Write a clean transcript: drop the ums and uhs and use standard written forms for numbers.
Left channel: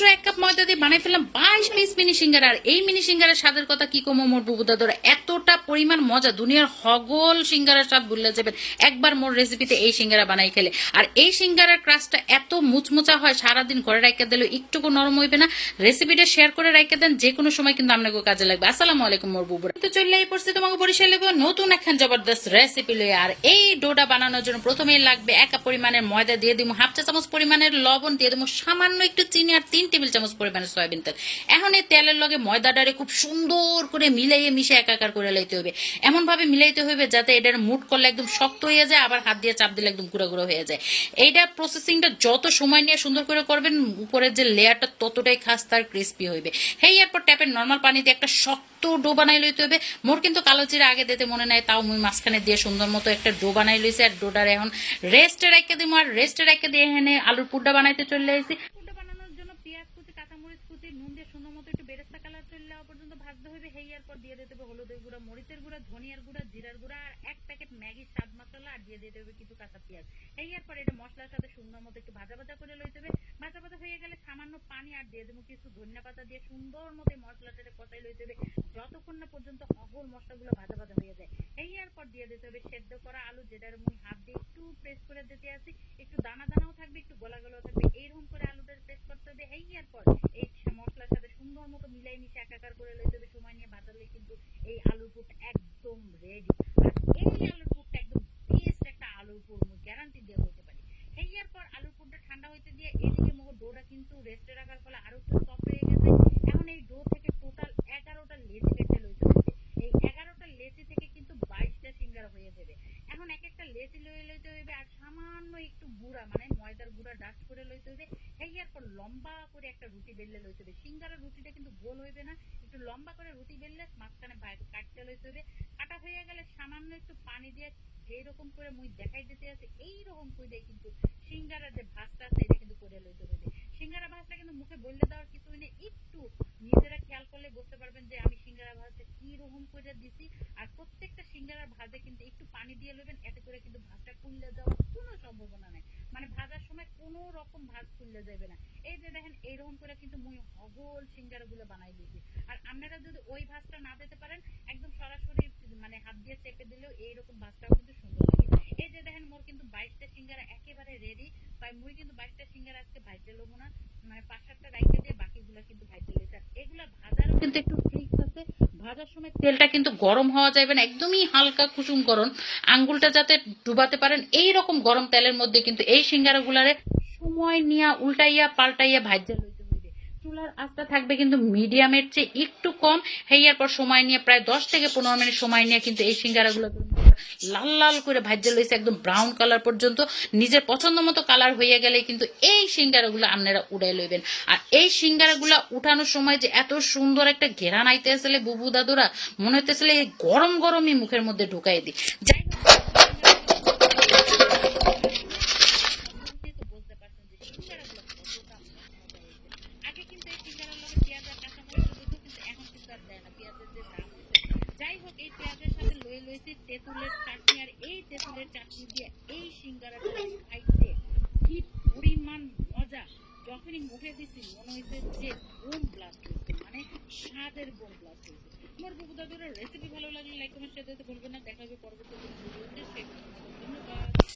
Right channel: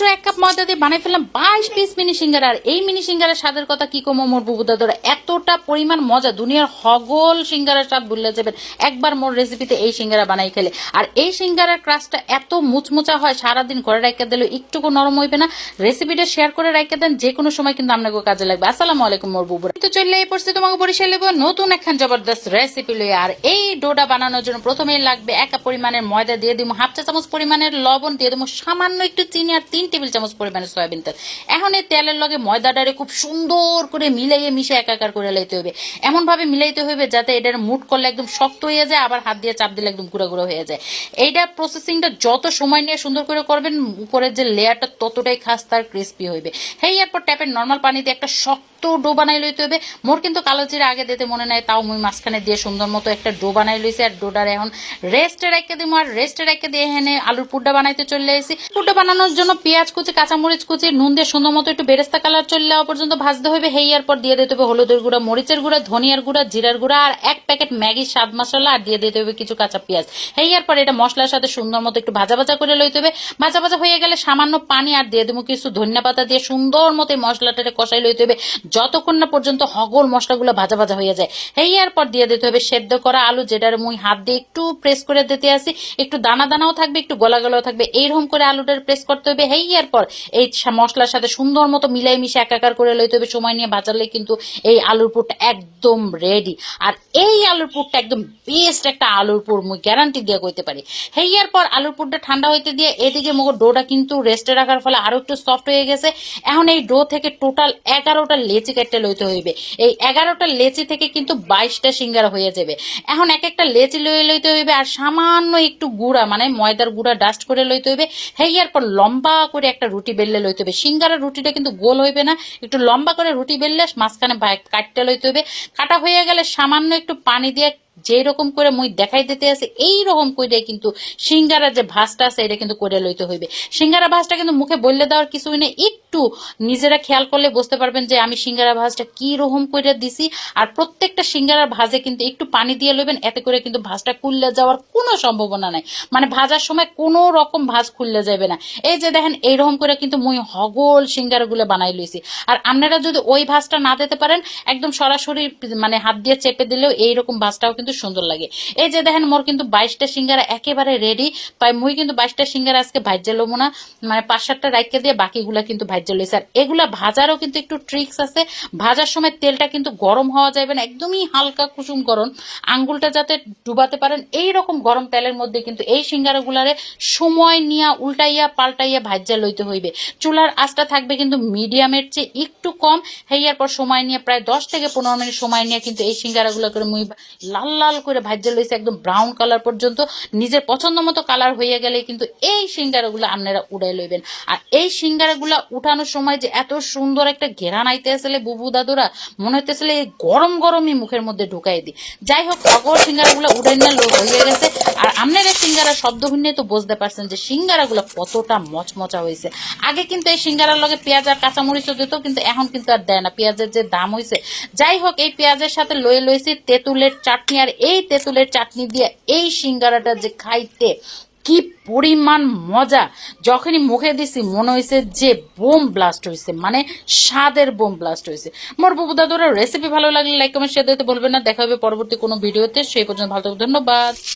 মাত্র 1 কাপ ময়দা দিয়ে বানাই ফেললাম 22 পিস মিনি সিঙ্গারা। আর এই মিনি সিঙ্গারার স্বাদের কথা কি কমো মোর বুবুদাদরা, এতটা পরিমাণ মজা, দুনিয়ার হগল সিঙ্গারার স্বাদ ভুলে যাবেন একবার মোর রেসিপিতে এই সিঙ্গারা বানাই খেলে। আর এই সিঙ্গারার ক্রাস্টটা এত মুচমুচা হয়, সারাদিন ঘরে রাখা দিলে একটুকু নরম হইবে না। রেসিপিটা শেয়ার করে রাখা দেন, যে কোনো সময় কিন্তু আপনাকে কাজে লাগবে। আসসালামু আলাইকুম মোর বুবুরা, তো চলে এই পড়ছে তোমাকে বরিশাল লেবো নতুন একখান জবরদস্ত রেসিপি লই। আর এই ডোটা বানানোর জন্য প্রথমেই লাগবে 1 কাপ পরিমাণের ময়দা, দিয়ে দিব 1/2 চা চামচ পরিমাণের লবণ, দিয়ে দেবো সামান্য একটু চিনি আর 3 টেবিল চামচ পরিমাণের সয়াবিন তেল। এখন এই তেলের লগে ময়দাটারে খুব সুন্দর করে মিলাইয়ে মিশে একাকার করে লাইতে হবে। এমন ভাবে মিলাইতে হবে যাতে এটার মুট করলে একদম শক্ত হয়ে যায়, আবার হাত দিয়ে চাপ দিলে একদম গুঁড়া গুঁড়া হয়ে যায়। এইটা প্রসেসিংটা যত সময় নিয়ে সুন্দর করে করবেন, উপরের যে লেয়ারটা ততটাই খাস্তা আর ক্রিস্পি হইবে। হেই এরপর ট্যাপের নর্মাল পানিতে একটা শক্ত ডো বানাই লইতে হবে। মোর কিন্তু কালো জিরা আগে দিতে মনে নাই, তাও মুই মাঝখানে দিয়ে সুন্দর মতো একটা ডো বানাই লইছি। আর ডোটার এখন রেস্টে রেখে দিব। আর রেস্টে রেখে দিয়ে এখানে আলুর পুড্ডা বানাইতে চলে আসি। পুড্ডা বানানোর জন্য পেঁয়াজ কুচি, কাঁচামরিচ কুচি, নুন দিয়ে সুন্দর মতো একটু বেরেস্তা কালার চলে যাওয়া পর্যন্ত ভাজতে হবে। হেয়ার পর দিয়ে দিতে হবে হলুদের গুঁড়া, মরিচের গুঁড়া, ধনিয়ার গুঁড়া, জিরার গুঁড়া আর 1 প্যাকেট ম্যাগি স্বাদ মশলা। আর দিয়ে দিতে হবে কিছু কাঁচা পেঁয়াজ। হেয়ার পর এটা মশলার সাথে সুন্দর মতো একটু ভাজা ভাজা করে লইতে হবে। ভাজা ভাজা হয়ে গেলে সামান্য পানি আর দিয়ে দেবো কিছু ধনিয়া পাতা দিয়ে সুন্দর মতো মশলাটারে কষাই লইতে হবে যতক্ষণ না পর্যন্ত হগল মশলাগুলো ভাজা ভাজা হয়ে যায়। হেয়ার পর দিয়ে দিতে হবে সেদ্ধ করা আলু, যেটার মুই হাত দিয়ে একটু প্রেস করে দিতে আসি, একটু দানা দানাও থাকবে একটু গলা গলাও থাকবে, এইরকম করে আলুটার প্রেস করতে হবে। হেয়ার পর এই মশলার সাথে সুন্দর মতো মিলাই মিশে একাকার করে লইতে হবে। সময় নিয়ে ভাজালে কিন্তু এই আলুর পুরটা একদম রেডি। আর এই আলুর পুরটা একদম বেস্ট একটা আলুর পুর, মুই গ্যারান্টি দিয়ে কইতে পারি। হেয়ার পর আলুর পুরটা ঠান্ডা হইতে দিয়ে এদিকে মগো ডোটা কিন্তু রেস্টে রাখার ফলে আরো একটু সফট হয়ে গেছে। এখন এই ডো থেকে টোটাল 11টা লেচি কাটতে লইতে হইবে। এই 11টা লেচি থেকে কিন্তু 22টা সিঙ্গারা হয়ে যাবে। এখন এক একটা লেচি লইতে হইবে আর সামান্য একটু গুঁড়া মানে ময়দার গুঁড়া ডাস্ট করে লইতে হইবে। হেয়ার পর লম্বা করে একটা রুটি বেললে লইতে হবে। সিঙ্গারার রুটিটা কিন্তু গোল হইবে না, একটু লম্বা করে রুটি বেললে মাঝখানে কাটতে লইতে হইবে। কাটা হয়ে গেলে সামান্য একটু পানি দিয়ে যেরকম করে মুই দেখাই দিতে আছে এইরকম করে কিন্তু সিঙ্গারা যে ভাজটা আছে এটা কিন্তু করে লইতে হইবে। সিঙ্গারা ভাজটা কিন্তু মুখে বললে দেওয়ার কিছুই নেই, একটু নিজেরা খেয়াল করলে বুঝতে পারবেন যে আমি সিঙ্গারা ভাজটা কি রকম করে দিছি। আর প্রত্যেকটা সিঙ্গারার ভাজে কিন্তু একটু পানি দিয়ে লইবেন, এতে করে কিন্তু ভাজটা খুললে যাওয়ার কোনো সম্ভাবনা নাই, মানে ভাজার সময় কোনো রকম ভাজ খুললে যাবে না। এই যে দেখেন এইরকম করে কিন্তু মুই হগল সিঙ্গারাগুলো বানাই লইছি। আর আপনারা যদি ওই ভাজটা না দিতে পারেন, একদম সরাসরি মানে হাত দিয়ে চেপে দিলেও এইরকম ভাজটাও কিন্তু সুন্দর লাগে। এই যে দেখেন মোর কিন্তু 22টা সিঙ্গারা একেবারে রেডি। তাই মুই কিন্তু 22টা সিঙ্গারা আজকে ভাজ্যা লবো না, মানে 5-7টা রাইখে দিয়ে বাকিগুলা কিন্তু ভাজ্যা লইছি। আর এগুলা ভাজারও কিন্তু একটু ট্রিক্স আছে। ভাজার সময় তেলটা কিন্তু গরম হওয়া যাবে না, একদমই হালকা কুসুম গরম, আঙ্গুলটা যাতে ডুবাতে পারেন এইরকম গরম তেলের মধ্যে কিন্তু এই সিঙ্গারাগুলারে সময় নিয়ে উল্টাইয়া পাল্টাইয়া ভাজ্যা লইতে হইবে। চুলার আঁচটা থাকবে কিন্তু মিডিয়ামের চেয়ে একটু কম। হেয়ার পর সময় নিয়ে প্রায় 10 থেকে 15 মিনিট সময় নিয়ে কিন্তু এই সিঙ্গারাগুলো করে মুই লাল লাল করে ভাজ্যা লইছে একদম ব্রাউন কালার পর্যন্ত। নিজের পছন্দ মতো কালার হয়ে গেলে কিন্তু এই সিঙ্গারাগুলো আপনারা উড়াই লইবেন। আর এই সিঙ্গারাগুলো উঠানোর সময় যে এত সুন্দর একটা ঘেরান আইতে আসলে বুবু দাদুরা মনে হইতেছিল এই গরম গরমই মুখের মধ্যে ঢুকাই দিই। যাই হোক অগর সিঙ্গারাগুলো উঠাই না লোক হয়ে গেছে। আর আপনারা সিঙ্গারা শব্দ শুনে তো বুঝতে পারছেন যে সিঙ্গারাগুলো কতটা মচমচা হয়েছে। আগে কিন্তু এই সিঙ্গারার লগে পেঁয়াজ আর কাঁচামরিচও দিত, কিন্তু এখন কিন্তু আর দেয় না, পেঁয়াজের যে দাম হয়েছে। যাই হোক এই পেঁয়াজের সাথে লইছি তেঁতুলের চাটনি। আর এই তেঁতুলের চাটনি দিয়ে এই সিঙ্গারাটা যে খাইতে কি পরিমাণ মজা, যখনই মুখে দিছি মনে হয়েছে যে বোম ব্লাস্ট হয়েছে, মানে স্বাদের বোম ব্লাস্ট হয়েছে। মোর বুবু দাদুরা রেসিপি ভালো লাগলে লাইক কমেন্ট শেয়ার দিতে বলবেন না। দেখা হবে পরবর্তী কোনো ভিডিওতে, সেই পর্যন্ত ভালো থাকবেন, ধন্যবাদ।